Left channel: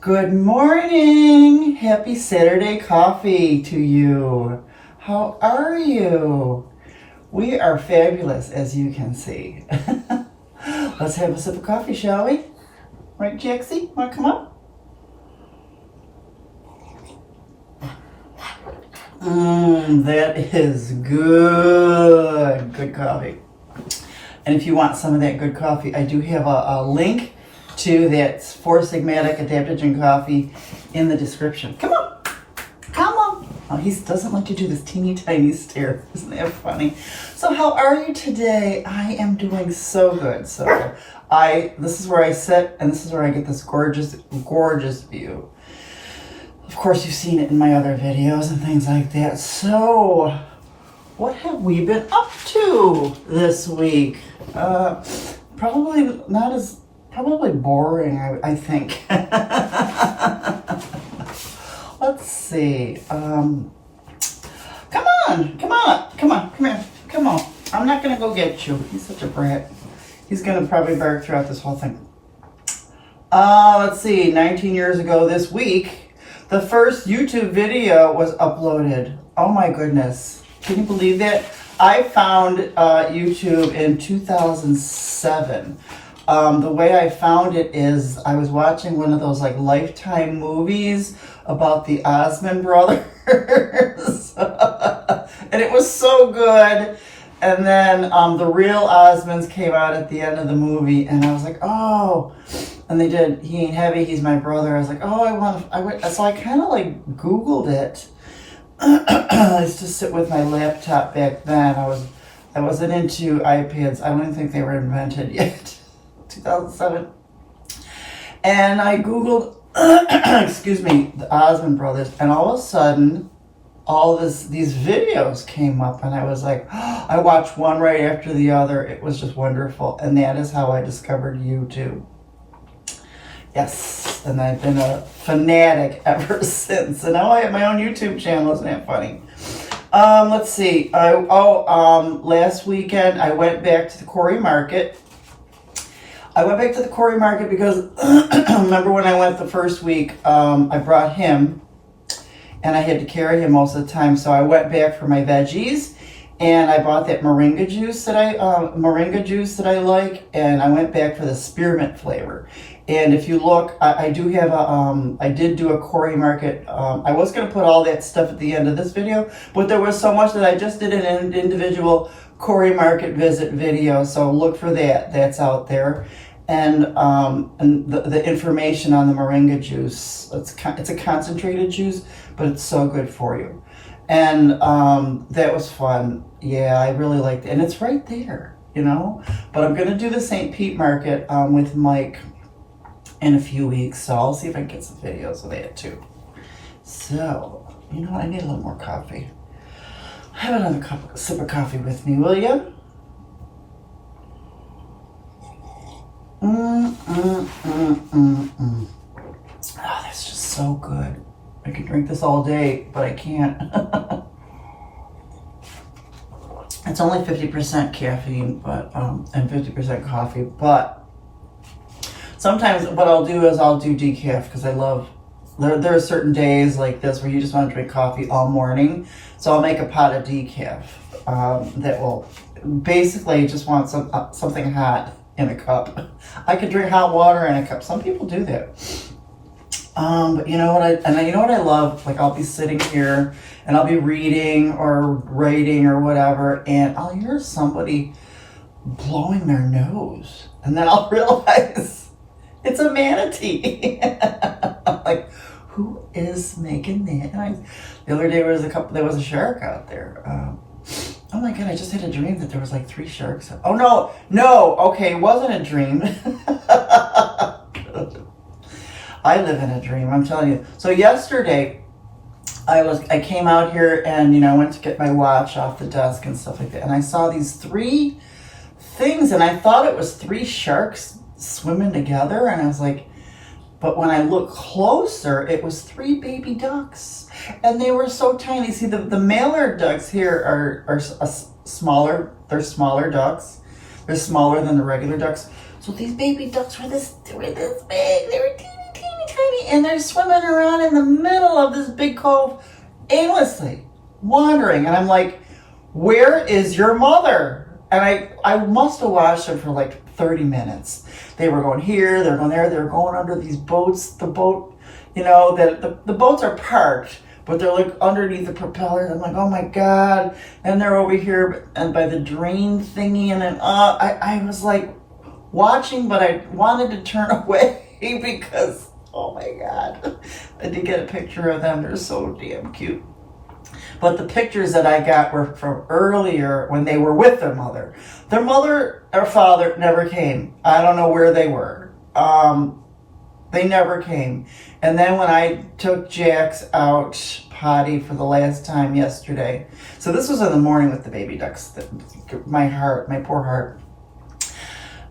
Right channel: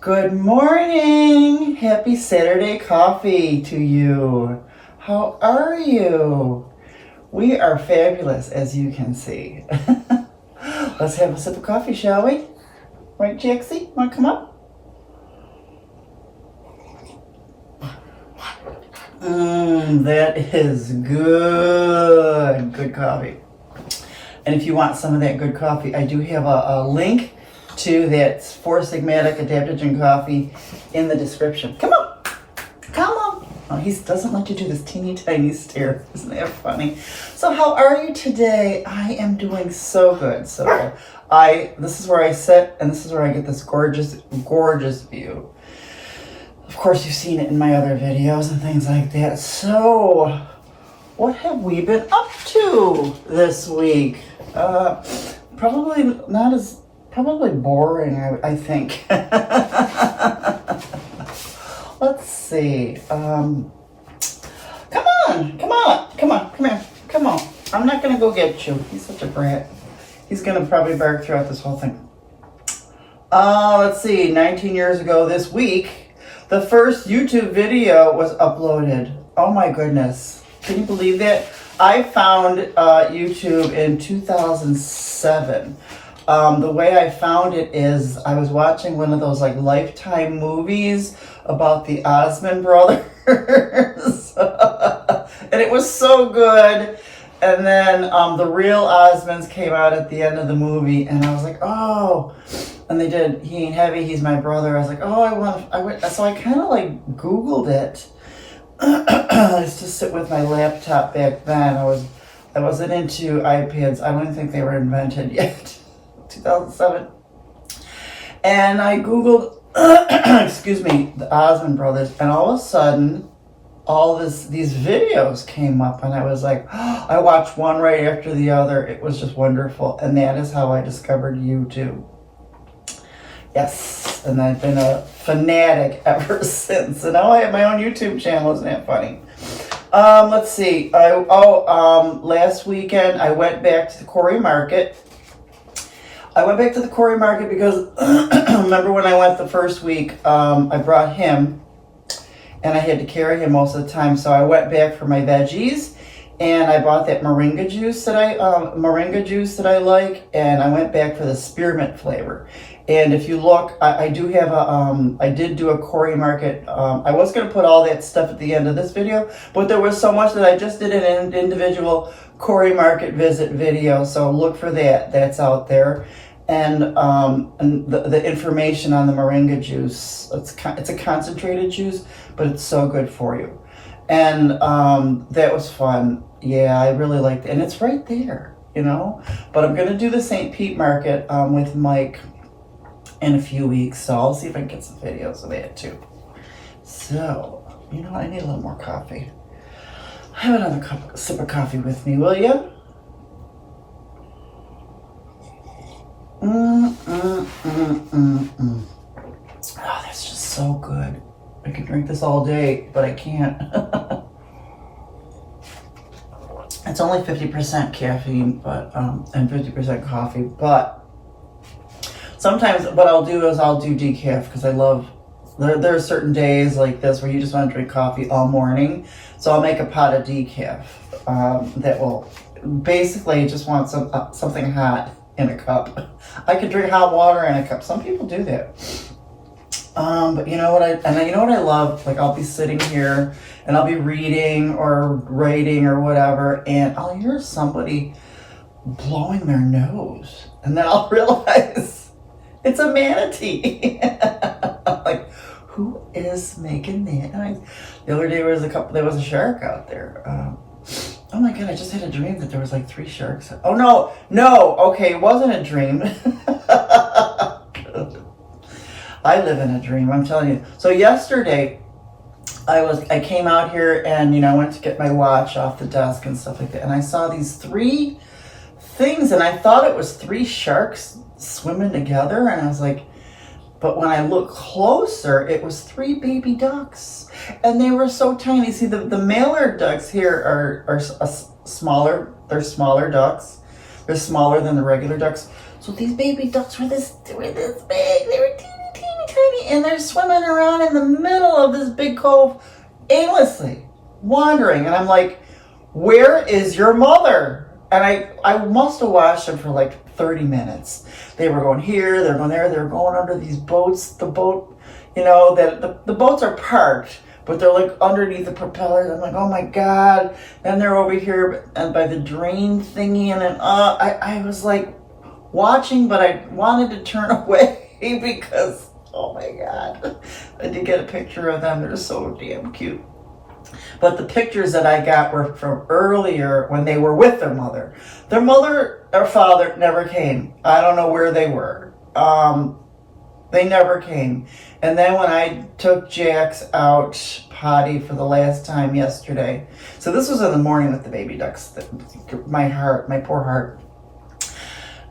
Good morning! Happy Saturday coffee to you. How are you? We are fabulous, as you can see. Let's have a sip of coffee, shall we? Right, Jaxie? Want to come up? That is good. Good coffee. And if you want some of that good coffee, I do have a link to that for Sigmatic Adaptogen coffee in the description. Come on. Come on. Oh, he doesn't like to do this teeny tiny stare. Isn't that funny? So how are you today? I am doing so good. So this is where I sit, and this is where I get this gorgeous, gorgeous view. Of course, you've seen it in my other videos and things like that. So what have we been up to this week? Probably boring, I think. Let's see. Come on. I'm not gonna go get you. He's such a brat. He's gonna probably bark throughout this whole thing. Let's see. 19 years ago this week, the first YouTube video was uploaded. Oh my goodness. Can you believe that? I found YouTube in 2007. The way I found it is I was watching one of those like Lifetime movies about the Osmond brothers. And it was so good. And then the real Osmonds came out at the end of the movie, and I was like, oh. And they did He Ain't Heavy, He's My Brother. I was like, oh, so I kind of like Googled it. I used to sit with my laptop back then. I wasn't into iPads. I don't even think they were invented yet. 2007. And I Googled, excuse me, the Osmond brothers, and all of a sudden, these videos came up, and I was like, I watched one right after the other. It was just wonderful, and that is how I discovered YouTube. Yes, and I've been a fanatic ever since. And now I have my own YouTube channel. Isn't that funny? Let's see. Last weekend I went back to the Quarry Market. I went back to the Quarry Market because remember when I went the first week, I brought him, and I had to carry him most of the time. So I went back for my veggies, and I bought that moringa juice that I like, and I went back for the spearmint flavor. And if you look, I did do a Quarry Market. I was going to put all that stuff at the end of this video, but there was so much that I just did an individual Quarry Market visit video. So look for that. That's out there. And the information on the moringa juice. It's a concentrated juice, but it's so good for you. And that was fun. Yeah, I really liked it. And it's right there, you know. But I'm going to do the St. Pete Market with Mike in a few weeks, so I'll see if I can get some videos of that too. So, you know what? I need a little more coffee. Have another sip of coffee with me, will you? Oh, that's just so good. I could drink this all day, but I can't. It's only 50% caffeine, but and 50% coffee, but sometimes what I'll do is I'll do decaf because I love, there are certain days like this where you just want to drink coffee all morning. So I'll make a pot of decaf that will basically just want something hot in a cup. I could drink hot water in a cup. Some people do that. But you know what I love? Like I'll be sitting here and I'll be reading or writing or whatever, and I'll hear somebody blowing their nose, and then I'll realize it's a manatee. Like, who is making that noise? The other day there was a shark out there. Oh my God, I just had a dream that there was like 3 sharks. Oh no, okay, it wasn't a dream. I live in a dream, I'm telling you. So yesterday, I came out here and, I went to get my watch off the desk and stuff like that, and I saw these 3 things, and I thought it was 3 sharks swimming together, and I was like, but when I looked closer, it was 3 baby ducks, and they were so tiny. See, the male ducks here are smaller. They're smaller ducks. They're smaller than the regular ducks. So these baby ducks were this big. They were teeny tiny, and they're swimming around in the middle of this big cove, aimlessly, wandering. And I'm like, where is your mother? And I must have watched them for like 30 minutes. They were going here, they're going there, they're going under these boats. The boat, you know, that the boats are parked, but they're like underneath the propeller. I'm like, oh my God. Then they're over here and by the drain thingy. And then I was like watching, but I wanted to turn away because, oh my God. I did get a picture of them. They're so damn cute. But the pictures that I got were from earlier when they were with their mother. Their mother or father never came. I don't know where they were. They never came. And then when I took Jax out potty for the last time yesterday, so this was in the morning with the baby ducks, my poor heart.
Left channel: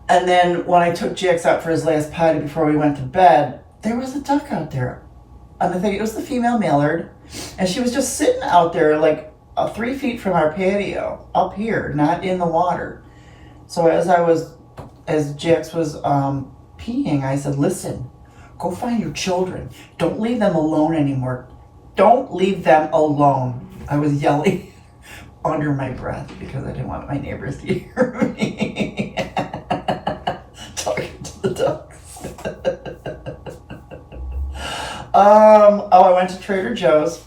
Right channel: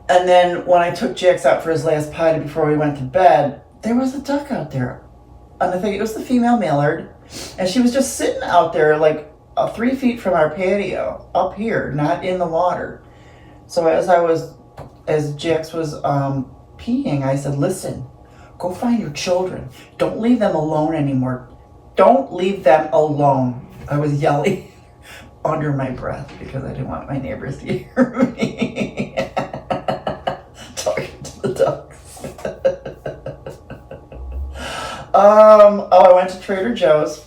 And then when I took Jax out for his last potty before we went to bed, there was a duck out there. And I think it was the female mallard. And she was just sitting out there like 3 feet from our patio, up here, not in the water. So as Jax was peeing, I said, listen, go find your children. Don't leave them alone anymore. Don't leave them alone. I was yelling under my breath because I didn't want my neighbors to hear me talking to the ducks. I went to Trader Joe's,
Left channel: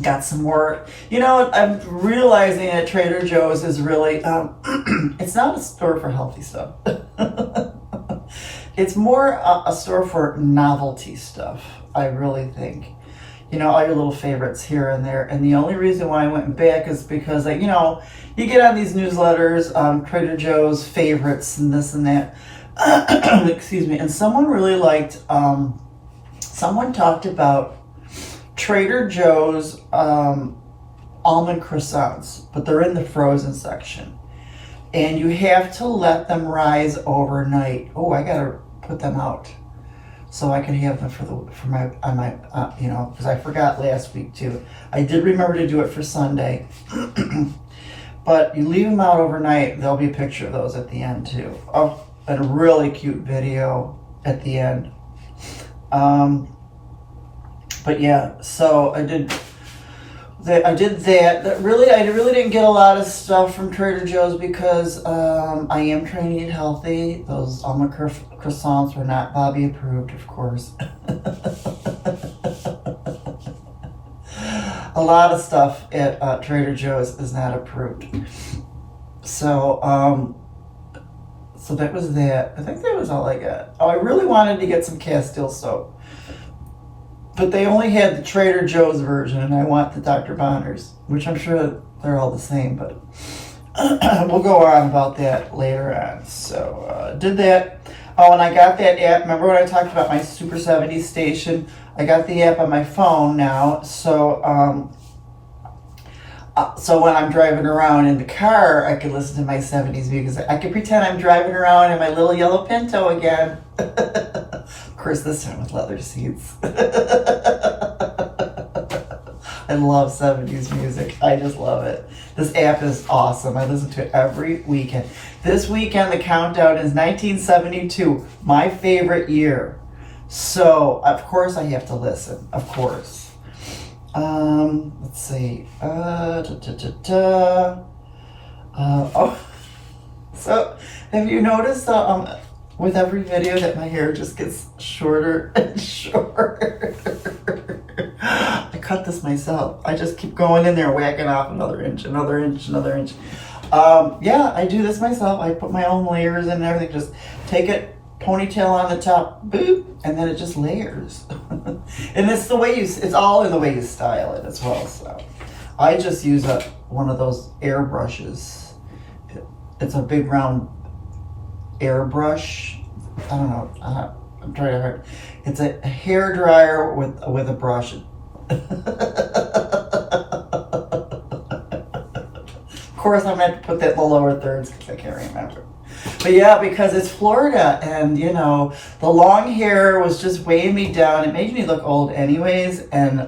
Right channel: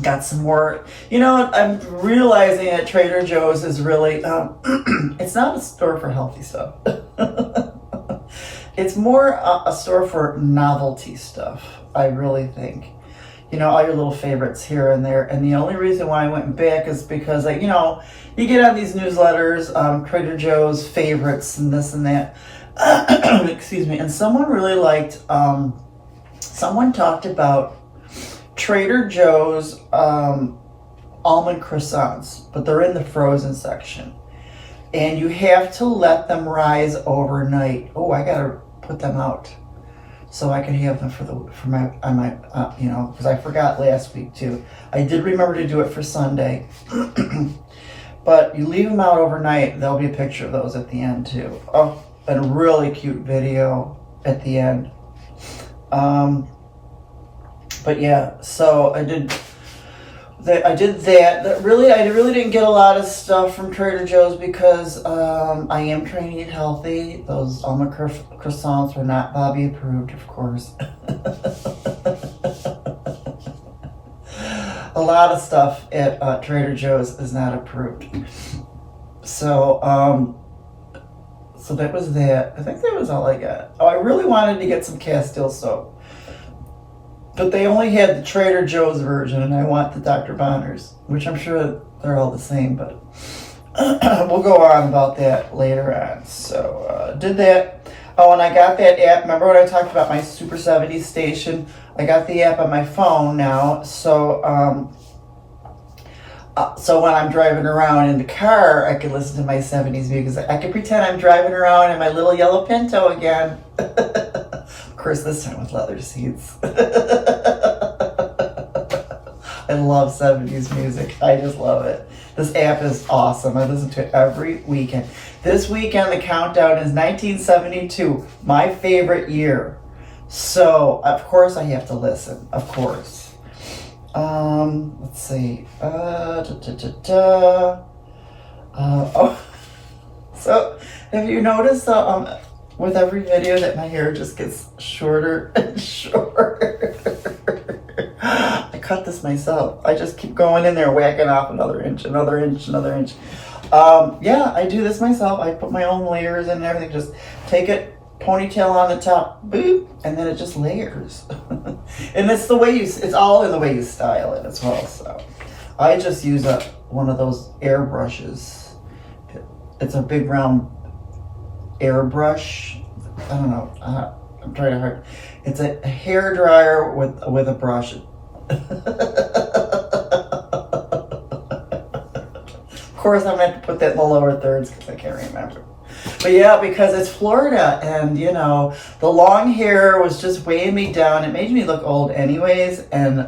got some more, I'm realizing that Trader Joe's is really, it's not a store for healthy stuff. It's more a store for novelty stuff, I really think. All your little favorites here and there. And the only reason why I went back is because, you get on these newsletters, Trader Joe's favorites and this and that. Excuse me. And someone really liked, someone talked about Trader Joe's almond croissants, but they're in the frozen section. And you have to let them rise overnight. Oh, I gotta put them out so I can have them because I forgot last week too. I did remember to do it for Sunday, but you leave them out overnight. There'll be a picture of those at the end too. Oh, and a really cute video at the end. But yeah, so I did that. I really didn't get a lot of stuff from Trader Joe's because I am trying to eat healthy. Those almond croissants were not Bobby approved, of course. A lot of stuff at Trader Joe's is not approved. So that was that. I think that was all I got. Oh, I really wanted to get some Castile soap. But they only had the Trader Joe's version, and I want the Dr. Bonners, which I'm sure they're all the same, but we'll go on about that later on. So, did that. Oh, and I got that app. Remember when I talked about my Super 70s station? I got the app on my phone now, so when I'm driving around in the car, I can listen to my 70s music. I can pretend I'm driving around in my little yellow Pinto again. Of course, this time with leather seats. I love 70s music. I just love it. This app is awesome. I listen to it every weekend. This weekend, the countdown is 1972, my favorite year. So, of course, I have to listen. Of course. Let's see. So, have you noticed with every video that my hair just gets shorter and shorter? I cut this myself. I just keep going in there, whacking off another inch, another inch, another inch. Yeah, I do this myself. I put my own layers in and everything. Just take it, ponytail on the top, boop, and then it just layers. And it's the way it's all in the way you style it as well. So I just use one of those air brushes. It's a big round airbrush. I don't know. I'm trying to hard. It's a hair dryer with a brush. Of course, I'm gonna have to put that in the lower thirds because I can't remember. But yeah, because it's Florida, and the long hair was just weighing me down. It made me look old, anyways. And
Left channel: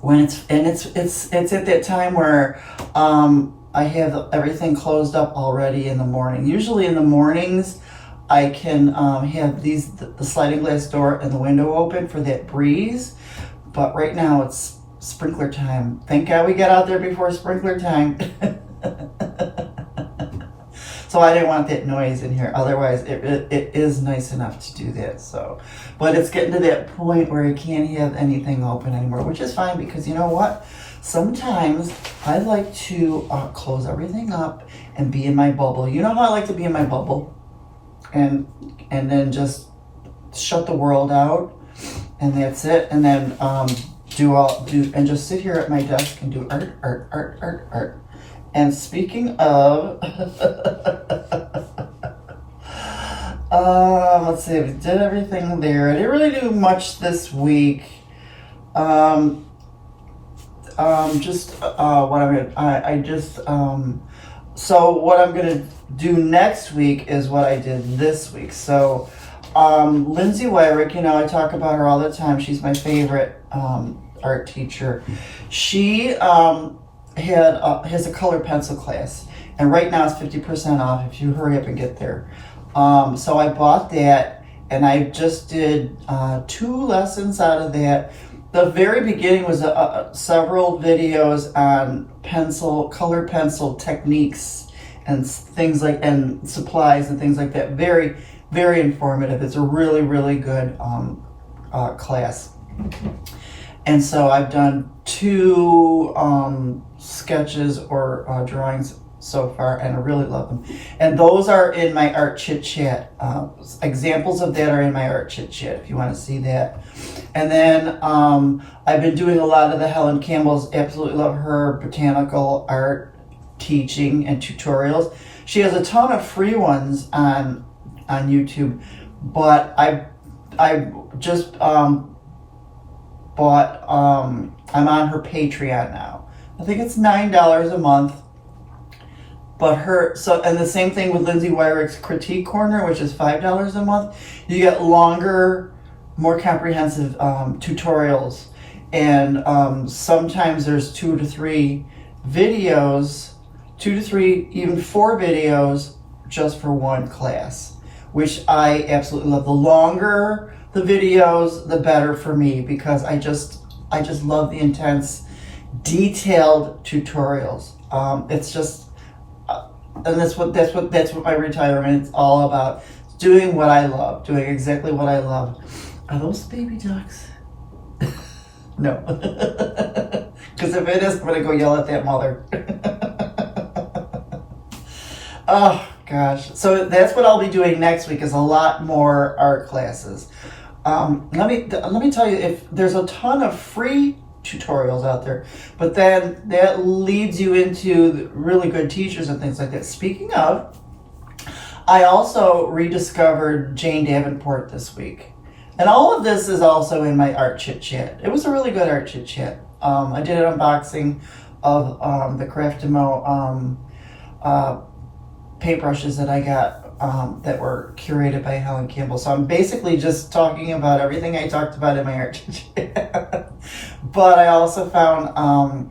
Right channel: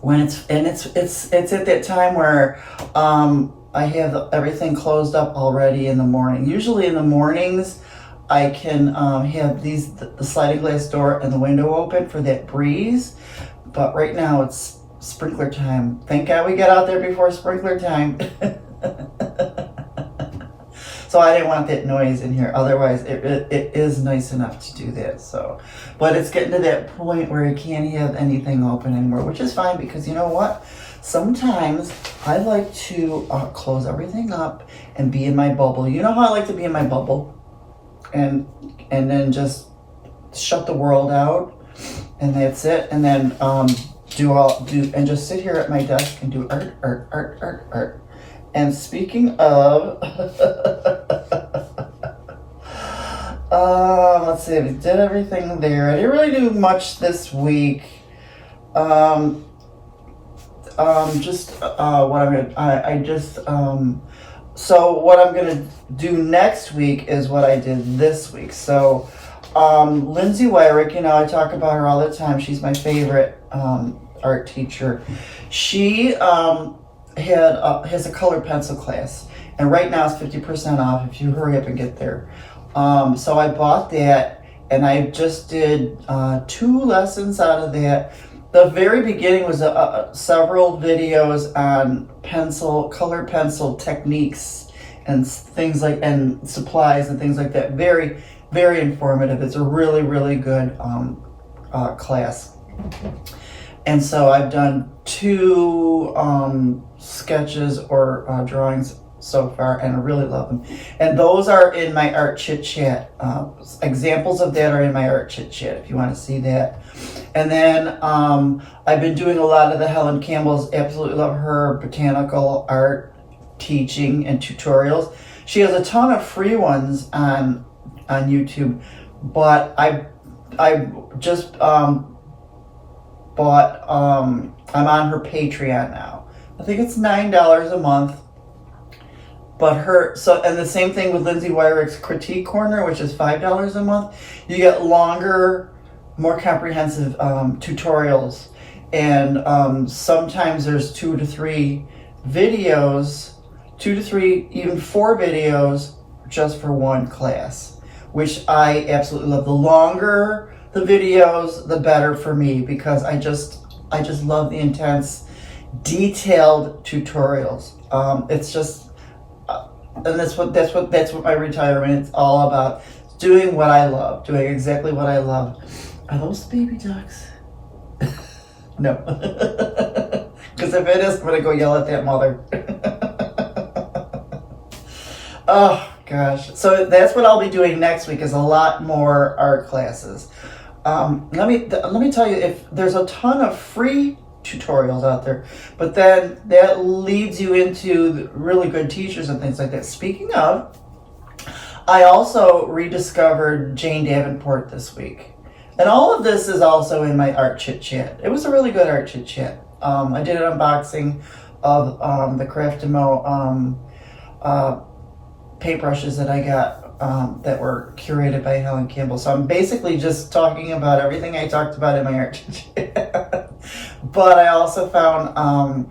when it's at that time where I have everything closed up already in the morning. Usually in the mornings, I can have the sliding glass door and the window open for that breeze. But right now it's sprinkler time. Thank God we got out there before sprinkler time. So I didn't want that noise in here. Otherwise, it is nice enough to do that. So, but it's getting to that point where I can't have anything open anymore, which is fine because you know what? Sometimes I like to close everything up and be in my bubble. You know how I like to be in my bubble, and then just shut the world out, and that's it. And then and just sit here at my desk and do art. And speaking of, let's see, we did everything there. I didn't really do much this week. So what I'm gonna do next week is what I did this week. So, Lindsay Wyrick, you know, I talk about her all the time. She's my favorite art teacher. She has a colored pencil class, and right now it's 50% off if you hurry up and get there. So I bought that, and I just did 2 lessons out of that. The very beginning was several videos on colored pencil techniques and things like, and supplies and things like that. Very, very informative. It's a really, really good class. And so I've done 2 sketches or drawings so far, and I really love them. And those are in my Art Chit Chat. Examples of that are in my Art Chit Chat if you want to see that. And then I've been doing a lot of the Helen Campbell's. Absolutely love her botanical art teaching and tutorials. She has a ton of free ones on YouTube, but I just bought, I'm on her Patreon now. I think it's $9 a month. But and the same thing with Lindsay Wyrick's Critique Corner, which is $5 a month. You get longer, more comprehensive tutorials. And sometimes there's 2 to 3 videos, 2 to 3, even 4 videos just for one class, which I absolutely love. The longer the videos, the better for me, because I just love the intense, detailed tutorials. It's just, and that's what my retirement is all about. Doing what I love, doing exactly what I love. Are those baby ducks? No, because if it is, I'm gonna go yell at that mother. Oh gosh! So that's what I'll be doing next week. Is a lot more art classes. Let me tell you, if there's a ton of free tutorials out there, but then that leads you into really good teachers and things like that. Speaking of, I also rediscovered Jane Davenport this week, and all of this is also in my Art Chit Chat. It was a really good Art Chit Chat. I did an unboxing of the Craftimo paintbrushes that I got that were curated by Helen Campbell. So I'm basically just talking about everything I talked about in my Art Chit Chat. But I also found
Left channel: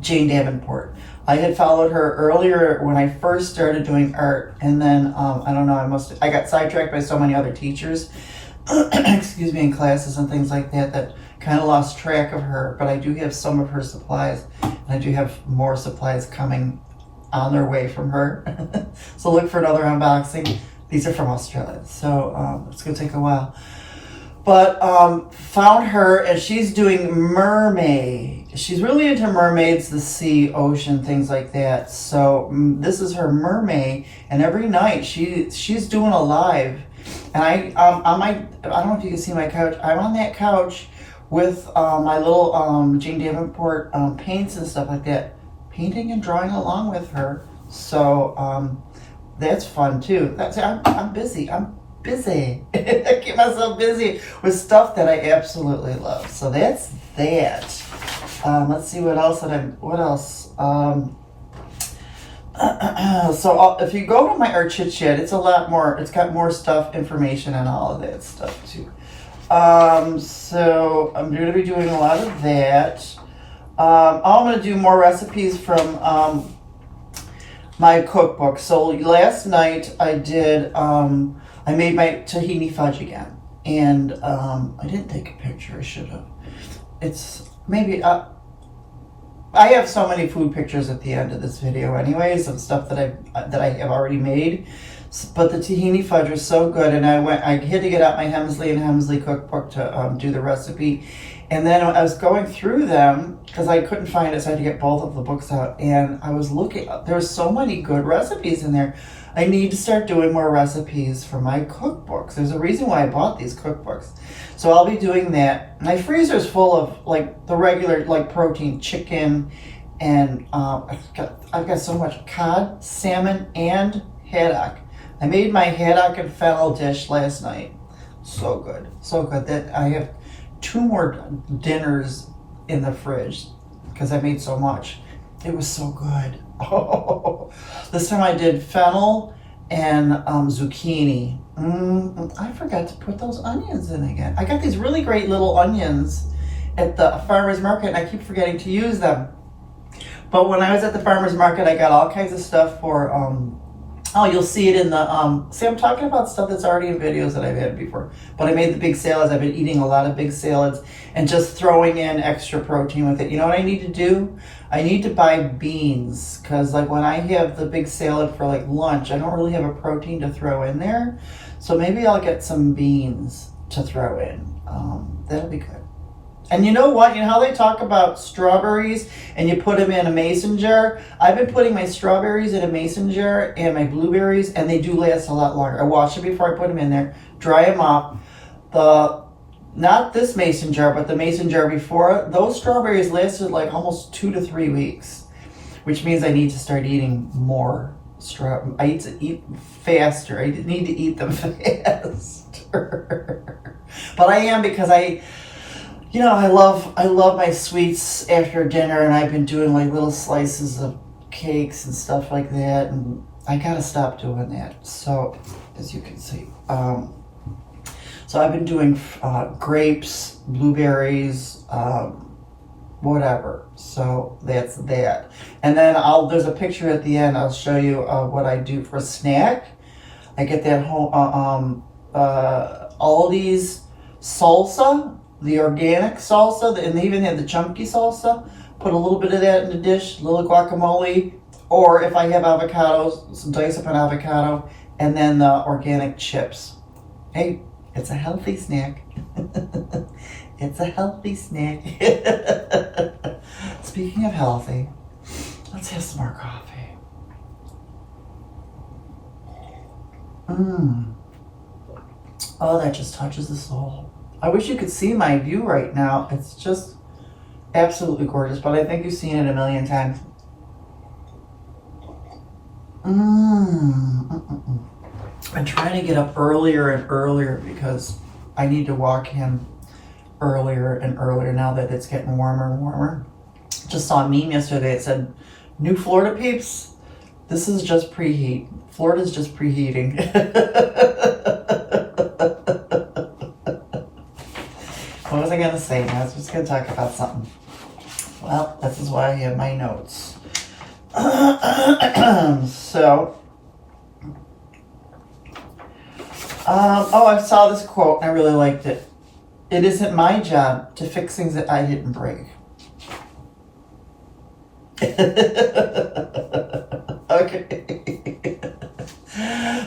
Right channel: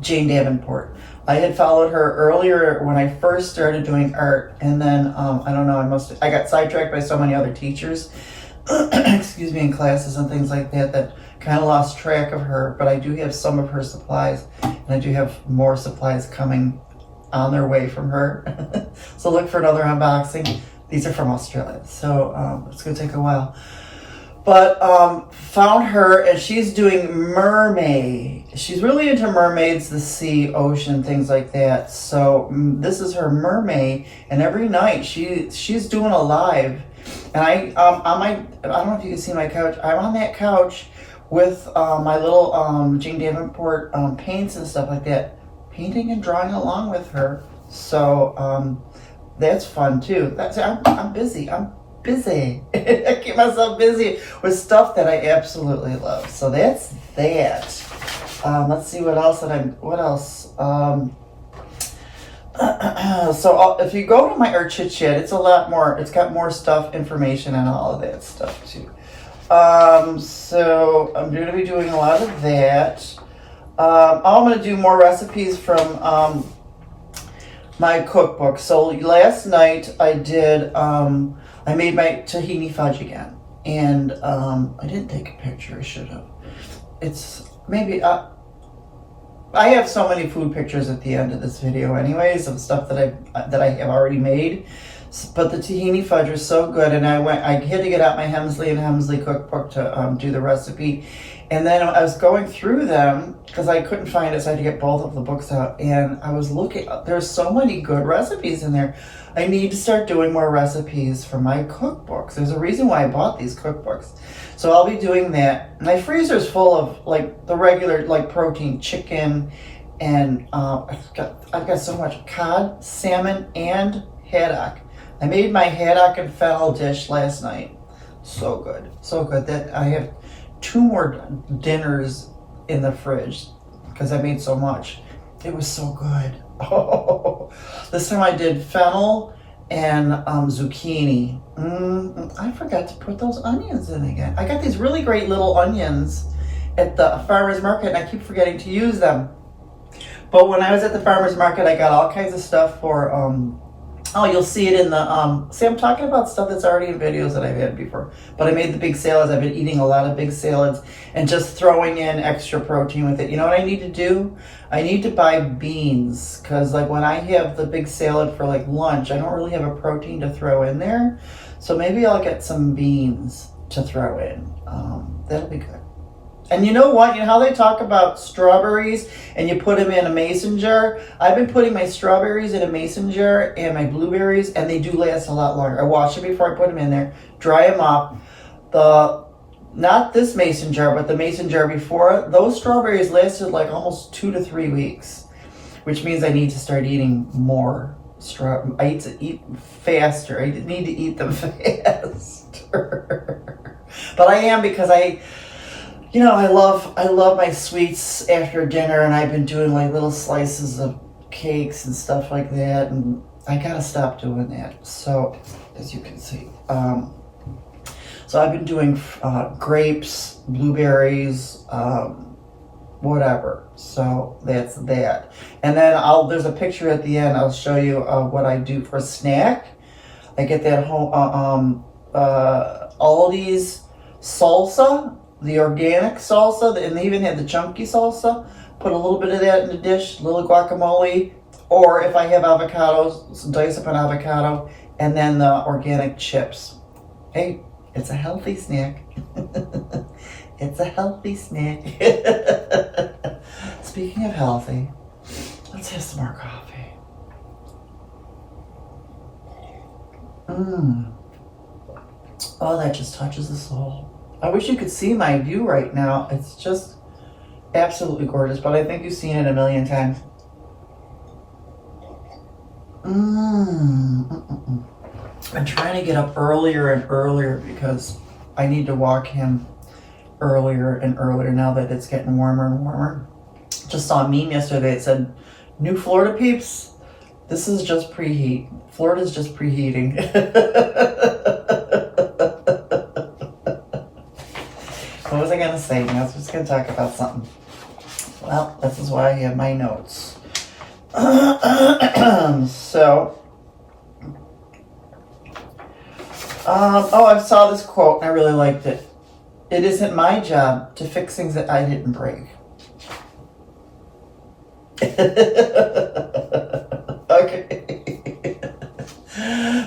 Jane Davenport. I had followed her earlier when I first started doing art, and then I don't know, I got sidetracked by so many other teachers, excuse me, in classes and things like that kind of lost track of her. But I do have some of her supplies, and I do have more supplies coming on their way from her. So look for another unboxing. These are from Australia, so it's gonna take a while. But found her, and she's doing mermaid. She's really into mermaids, the sea, ocean, things like that. So this is her mermaid, and every night she's doing a live. And I don't know if you can see my couch. I'm on that couch with my little Jane Davenport paints and stuff like that, painting and drawing along with her. So that's fun too. I'm busy. I'm busy. I keep myself busy with stuff that I absolutely love. So that's that. Let's see what else so if you go to my Art Chit Chat, it's a lot more. It's got more stuff, information, and all of that stuff too. So I'm going to be doing a lot of that. I'm going to do more recipes from my cookbook. So last night I did, I made my tahini fudge again. And I didn't take a picture, I should have. It's maybe, I have so many food pictures at the end of this video anyways of stuff that I have already made. But the tahini fudge was so good, and I had to get out my Hemsley and Hemsley cookbook to do the recipe. And then I was going through them because I couldn't find it, so I had to get both of the books out. And I was looking, there's so many good recipes in there. I need to start doing more recipes for my cookbooks. There's a reason why I bought these cookbooks. So I'll be doing that. My freezer's full of like the regular like protein, chicken, and I've got so much cod, salmon, and haddock. I made my haddock and fennel dish last night. So good, so good that I have 2 more dinners in the fridge because I made so much. It was so good. Oh, this time I did fennel and zucchini. I forgot to put those onions in again. I got these really great little onions at the farmer's market and I keep forgetting to use them. But when I was at the farmer's market, I got all kinds of stuff for, oh, you'll see it in the, see, I'm talking about stuff that's already in videos that I've had before. But I made the big salads. I've been eating a lot of big salads and just throwing in extra protein with it. You know what I need to do? I need to buy beans because like when I have the big salad for like lunch, I don't really have a protein to throw in there. So maybe I'll get some beans to throw in. That'll be good. And you know what? You know how they talk about strawberries and you put them in a mason jar? I've been putting my strawberries in a mason jar and my blueberries, and they do last a lot longer. I wash them before I put them in there, dry them off. Not this mason jar, but the mason jar before, those strawberries lasted like almost 2 to 3 weeks, which means I need to start eating more strawberries. I need to eat faster. I need to eat them faster. But I am because you know, I love my sweets after dinner, and I've been doing like little slices of cakes and stuff like that, and I gotta stop doing that. So, as you can see, so I've been doing grapes, blueberries, whatever. So that's that. And then there's a picture at the end. I'll show you what I do for a snack. I get that whole Aldi's salsa. The organic salsa, and they even had the chunky salsa. Put a little bit of that in the dish, a little guacamole, or if I have avocados, dice up an avocado, and then the organic chips. Hey, it's a healthy snack. It's a healthy snack. Speaking of healthy, let's have some more coffee. Oh, that just touches the soul. I wish you could see my view right now. It's just absolutely gorgeous, but I think you've seen it a million times. I'm trying to get up earlier and earlier because I need to walk him earlier and earlier now that it's getting warmer and warmer. Just saw a meme yesterday. It said, "New Florida peeps, this is just preheat. Florida's just preheating." What was I going to say? I was just going to talk about something. Well, this is why I have my notes. So, I saw this quote and I really liked it. "It isn't my job to fix things that I didn't break." Okay.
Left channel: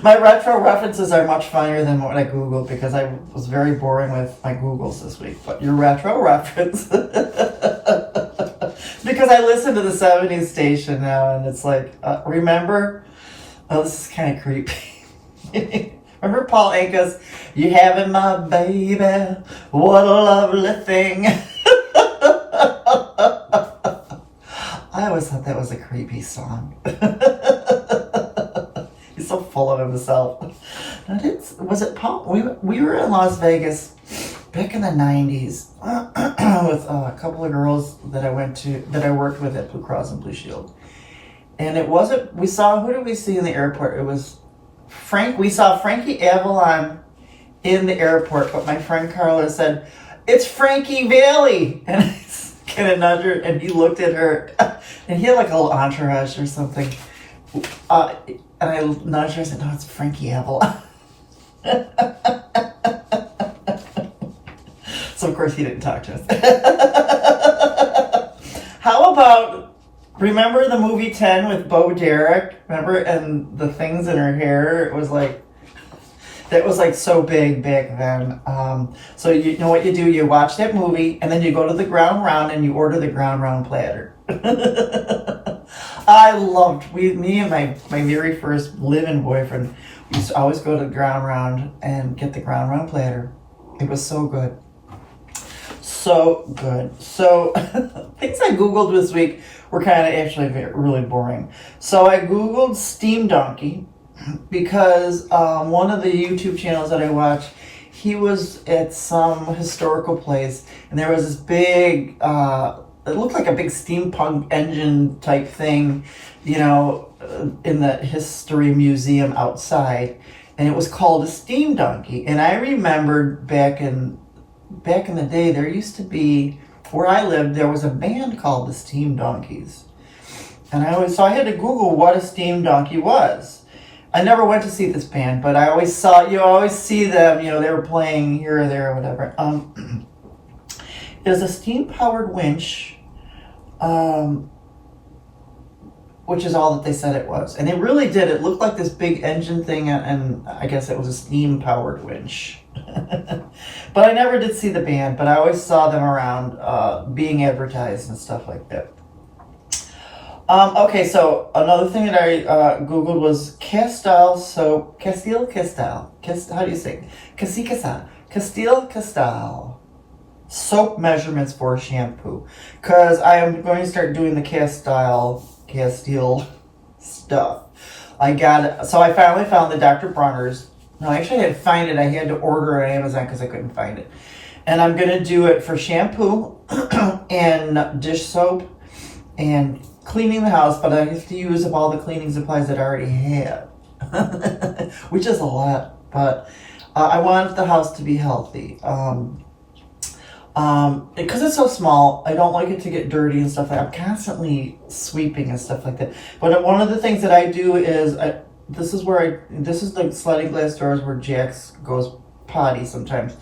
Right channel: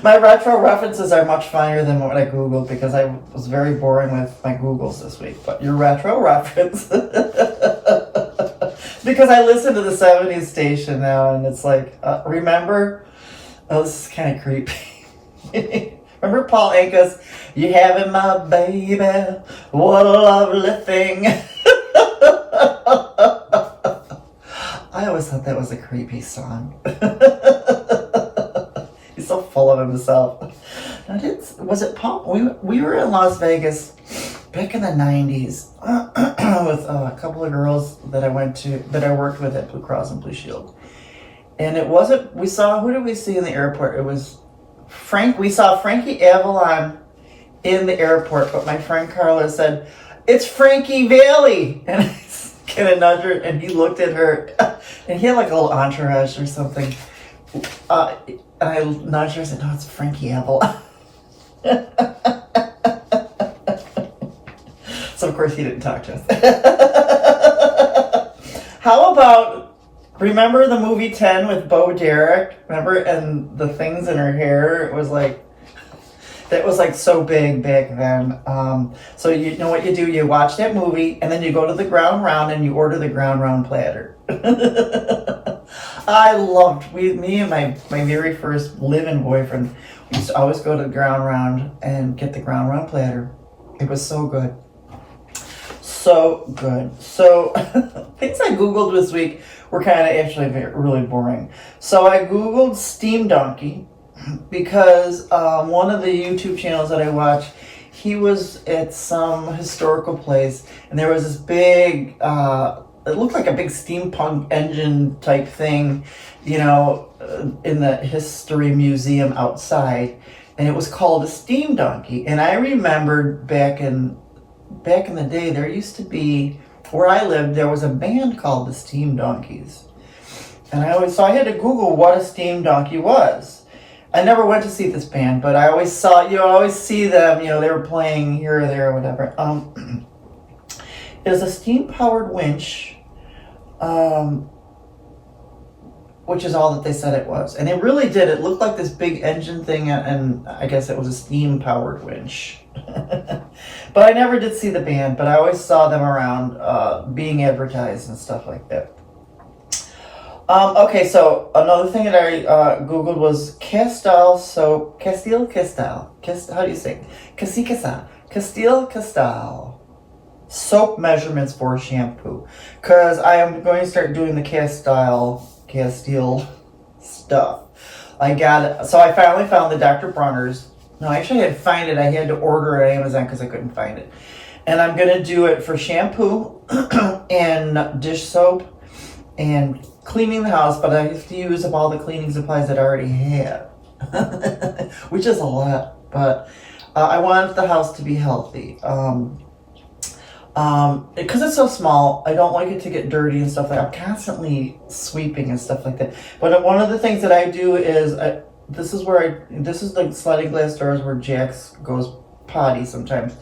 My retro references are much funnier than what I Googled because I was very boring with my Googles this week. But your retro reference, because I listen to the 70s station now, and it's like, remember? Oh, this is kind of creepy. Remember Paul Anka's, "You having my baby, what a lovely thing." I always thought that was a creepy song. He's so full of himself. Was it Paul? We were in Las Vegas back in the 90s with a couple of girls that I worked with at Blue Cross and Blue Shield. And it wasn't, who did we see in the airport? It was we saw Frankie Avalon in the airport, but my friend Carla said, "It's Frankie Valli." And I kind of nudged her, and he looked at her, and he had like a little entourage or something. And I'm not sure I said, no, it's Frankie Apple. So of course he didn't talk to us. How about, remember the movie 10 with Bo Derek? Remember? And the things in her hair, it was like, that was like so big back then. So you know what you do? You watch that movie and then you go to the Ground Round and you order the Ground Round platter. I loved, me and my very first live-in boyfriend, we used to always go to the Ground Round and get the Ground Round platter. It was so good. So good. So things I Googled this week were kind of actually really boring. So I Googled Steam Donkey because one of the YouTube channels that I watch, he was at some historical place and there was this big, it looked like a big steampunk engine type thing, you know, in the history museum outside. And it was called a Steam Donkey. And I remembered back in the day, there used to be, where I lived, there was a band called the Steam Donkeys. And so I had to Google what a Steam Donkey was. I never went to see this band, but I always saw, you always see them, you know, they were playing here or there or whatever. It was a steam-powered winch, which is all that they said it was. And it really did. It looked like this big engine thing, and I guess it was a steam-powered winch. But I never did see the band, but I always saw them around being advertised and stuff like that. Okay, so another thing that I Googled was Castile soap, how do you say? Castile Castile soap measurements for shampoo. Because I am going to start doing the Castile stuff. So I finally found the Dr. Bronner's. No, actually I had to find it. I had to order it on Amazon because I couldn't find it. And I'm going to do it for shampoo and dish soap and cleaning the house, but I have to use up all the cleaning supplies that I already have, which is a lot, but I want the house to be healthy. Because it's so small, I don't like it to get dirty and stuff like that. I'm constantly sweeping and stuff like that. But one of the things that I do is, this is the sliding glass doors where Jax goes potty sometimes,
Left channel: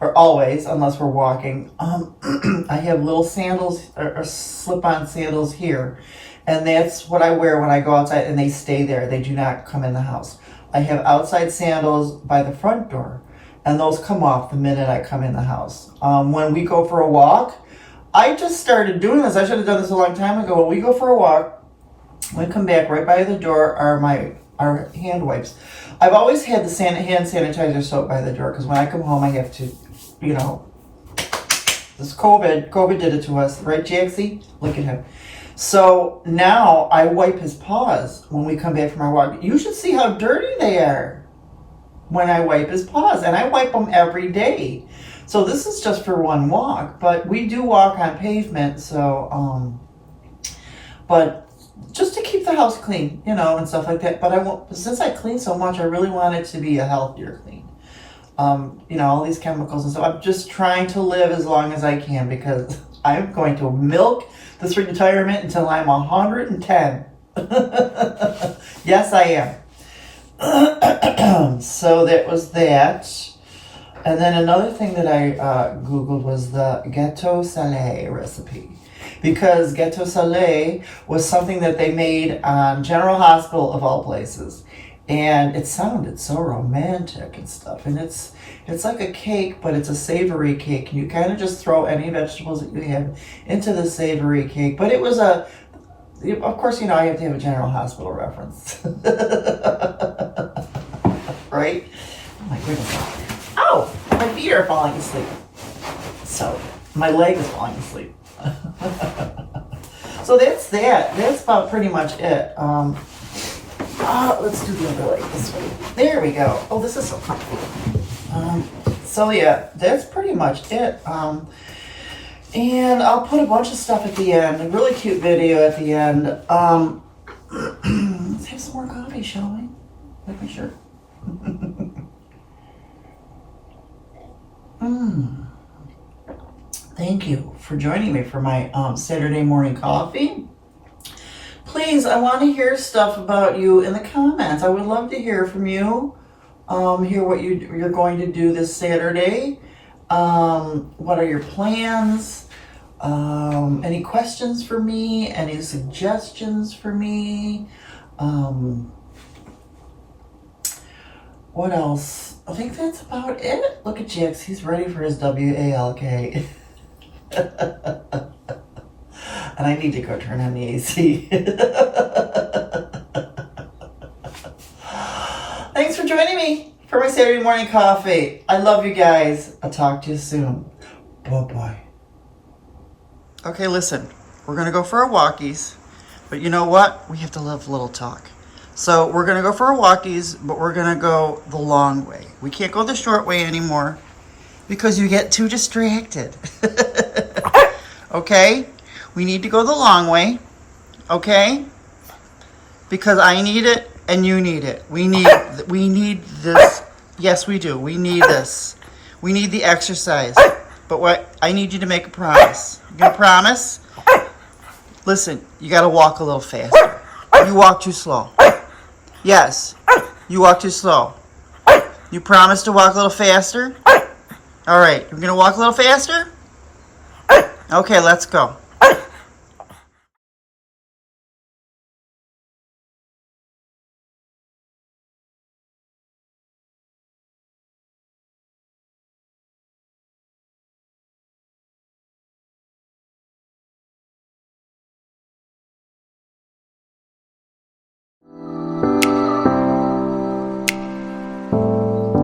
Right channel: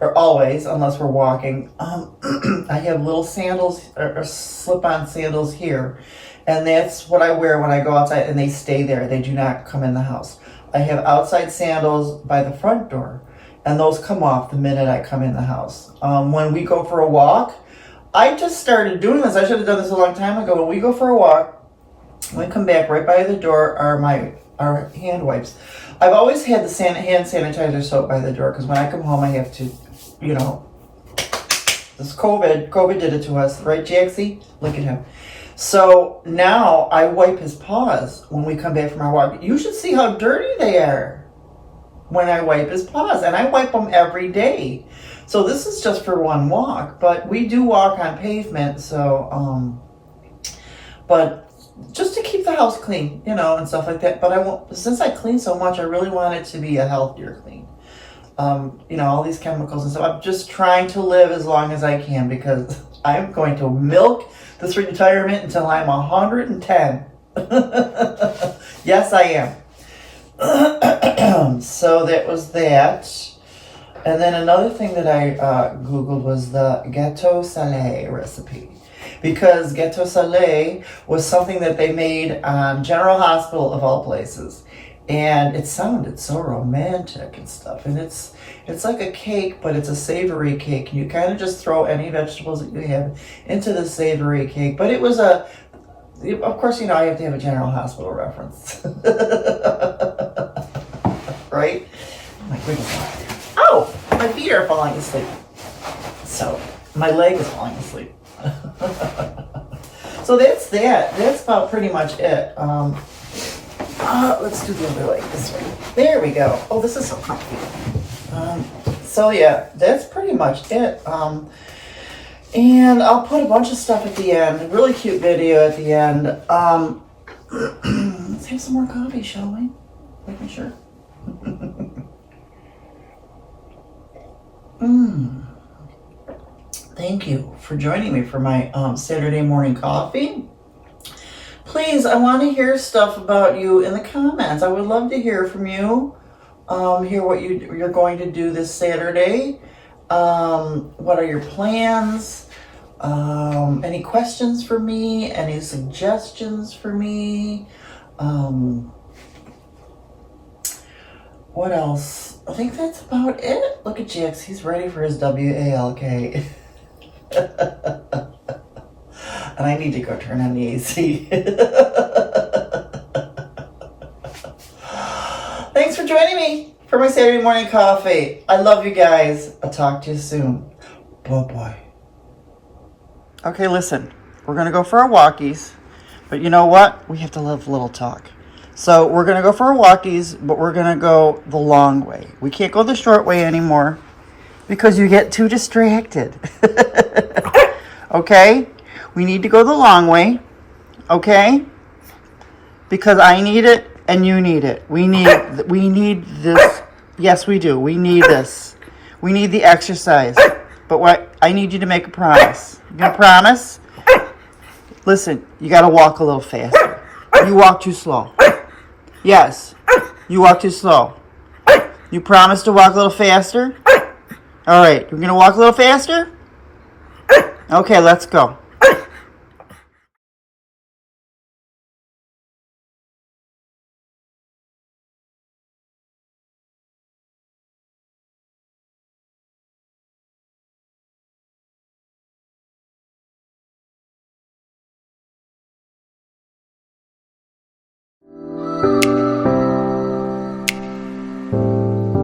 or always, unless we're walking. I have little sandals or slip-on sandals here, and that's what I wear when I go outside, and they stay there. They do not come in the house. I have outside sandals by the front door, and those come off the minute I come in the house. When we go for a walk, I just started doing this. I should have done this a long time ago. When we go for a walk, when we come back, right by the door are our hand wipes. I've always had the hand sanitizer soap by the door because when I come home, I have to, you know, this COVID did it to us, right, Jaxie? Look at him. So now I wipe his paws when we come back from our walk. You should see how dirty they are when I wipe his paws, and I wipe them every day. So this is just for one walk, but we do walk on pavement, so, but just to keep the house clean, you know, and stuff like that. But since I clean so much, I really want it to be a healthier clean. You know, all these chemicals and stuff. I'm just trying to live as long as I can because I'm going to milk this retirement until I'm 110. Yes, I am. So that was that. And then another thing that I Googled was the gâteau salé recipe. Because gâteau salé was something that they made on General Hospital of all places. And it sounded so romantic and stuff. And it's like a cake, but it's a savory cake. You kind of just throw any vegetables that you have into the savory cake. But it was of course, you know, I have to have a General Hospital reference. Right? Oh my goodness. Oh, my feet are falling asleep. So, my leg is falling asleep. So that's that. That's about pretty much it. Let's do the other leg this way. There we go. Oh, this is so comfy. So yeah, that's pretty much it. And I'll put a bunch of stuff at the end. A really cute video at the end. Let's have some more coffee, shall we? Make me sure. Thank you for joining me for my Saturday morning coffee. Please please, I want to hear stuff about you in the comments. I would love to hear from you. Hear what you're going to do this Saturday. What are your plans? Any questions for me? Any suggestions for me? What else? I think that's about it. Look at Jax. He's ready for his WALK. And I need to go turn on the AC. Thanks for joining me for my Saturday morning coffee. I love you guys. I'll talk to you soon. Bye-bye. Okay, listen. We're going to go for our walkies. But you know what? We have to live a little talk. So we're going to go for our walkies, but we're going to go the long way. We can't go the short way anymore because you get too distracted. Okay? We need to go the long way. Okay? Because I need it and you need it. We need this. Yes, we do. We need this. We need the exercise. But what I need you to make a promise. You gonna promise? Listen, you gotta walk a little faster. You walk too slow. Yes, you walk too slow. You promise to walk a little faster? All right, you're gonna walk a little faster? Okay, let's go.